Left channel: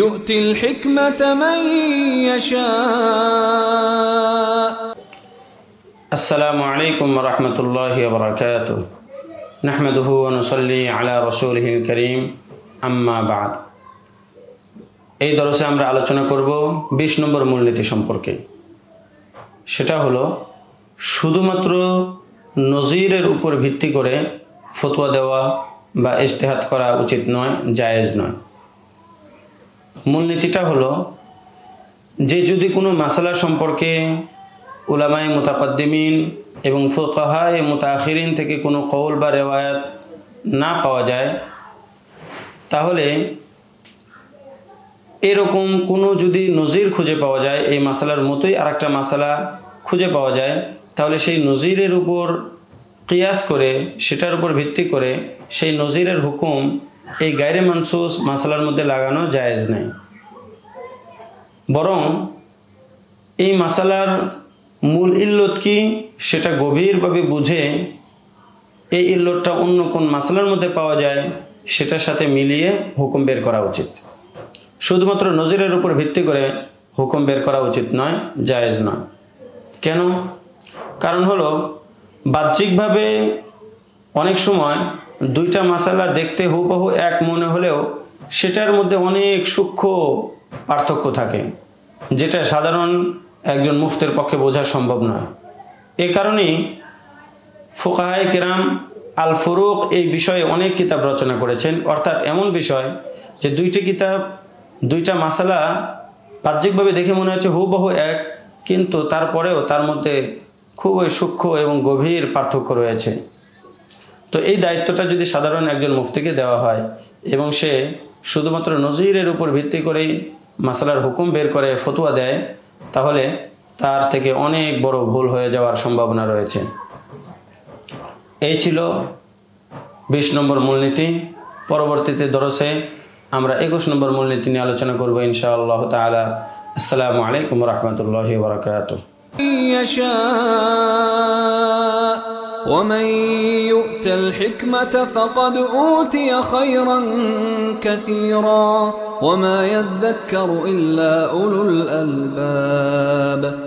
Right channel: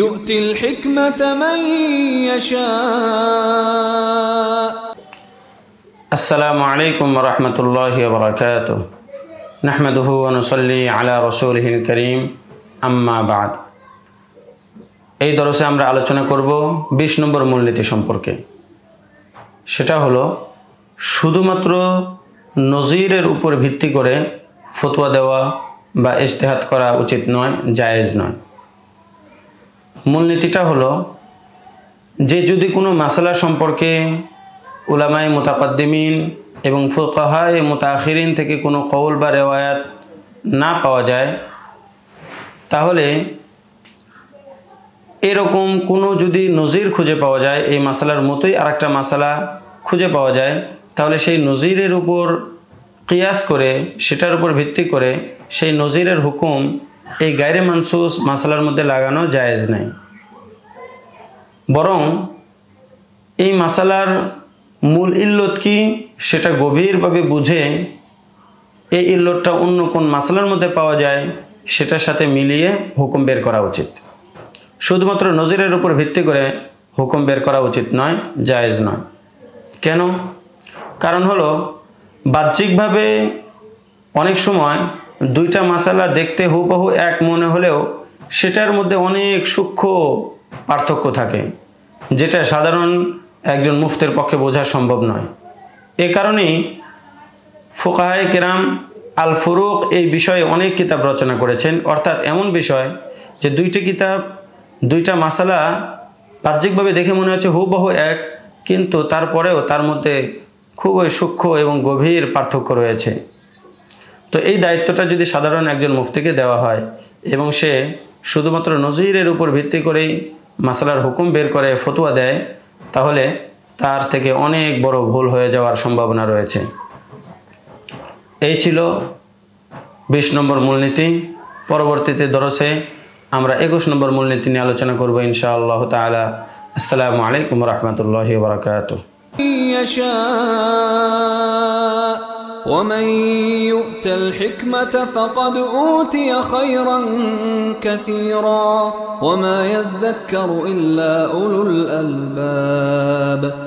يؤتي الحكمة من يشاء. السلام عليكم ورحمة الله وبركاته. نحمده ونصلي على رسوله الكريم. أما بعد. এই দরসে আমরা আলোচনা করব 20 নম্বর মূলনীতি সম্পর্কে। সেটা হলো শুধুমাত্র নজিরের উপর ভিত্তি করে ফতোয়া দেওয়া বা ইজতিহাদ করা উচিত নয়, জায়েজ নয়। মূলনীতিটা হলো যে যদি কোনো মাসালা সম্পর্কে উলামায়ে মুতাকাদ্দিমিন এবং ফুকাহায়ে মুতাআখিরিন থেকে কোনো কওল বা রিওয়ায়াত না পাওয়া যায়, তাহলে এরকম কোনো যদি নজির খুঁজে পাওয়া যায়, এই মাসালার মতোই আরেকটা মাসালা খুঁজে পাওয়া যায়, তাহলে সেই নজিরের উপর কিয়াস করে, সেটার উপর ভিত্তি করে সেই নজিরের হুকুম এই গায়রে মানসুস মাসালার মধ্যে লাগানো জায়েজ নেই। বরং এই মাসালার মূল ইল্লত কি সেটা গভীরভাবে বুঝে এই ইল্লতটা অন্য কোন মাসালার মধ্যে পাওয়া যায় সেটার সাথে মিলিয়ে হুকুম বের করা উচিত। শুধুমাত্র নজিরের উপর ভিত্তি করে হুকুম বের করা উচিত নয়, জায়েজ নয়। কেন? কারণ হলো বাহ্যিকভাবে অনেক সময় দুইটা মাসালা দেখতে হুবহু এক মনে হলেও সেটার মধ্যে অনেক সূক্ষ্ম পার্থক্য থাকে, যেটা সাধারণ একজন মুফতির পক্ষে বোঝা সম্ভব নয়। এ কারণেই ফুকাহায়ে কেরাম আল ফুরুক এই বিষয়ে অনেক কিতাব রচনা করেছেন। অর্থাৎ এমন বিষয় যে দুইটা মাসালা বাহ্যিকভাবে দেখে মনে হচ্ছে হুবহু এক, কিন্তু তারপরেও তার মধ্যে খুবই সূক্ষ্ম এবং গভীর পার্থক্য রয়েছে। তো এই দায়িত্বটা যদি সাধারণ একজন মুফতিকে দেওয়া হয় এবং সে শুধুমাত্র নজিরের উপর ভিত্তি করেই মাসালার হুকুম বের করে ফতোয়া দেয়, তাহলে তার থেকে অনেক বড় ভুল হয়ে যাওয়ার সম্ভাবনা রয়েছে। এই ছিল 20 নম্বর মূলনীতি। পরবর্তীতে দরসে আমরা 21 নম্বর মূলনীতি নিয়ে আলোচনা করব ইনশাআল্লাহ তাআলা। আসসালামু আলাইকুম ওয়া রাহমাতুল্লাহি ওয়া বারাকাতুহু। ومن يؤت الحكمة فقد أوتي خيرا كثيرا وما يذكر إلا أولو الألباب.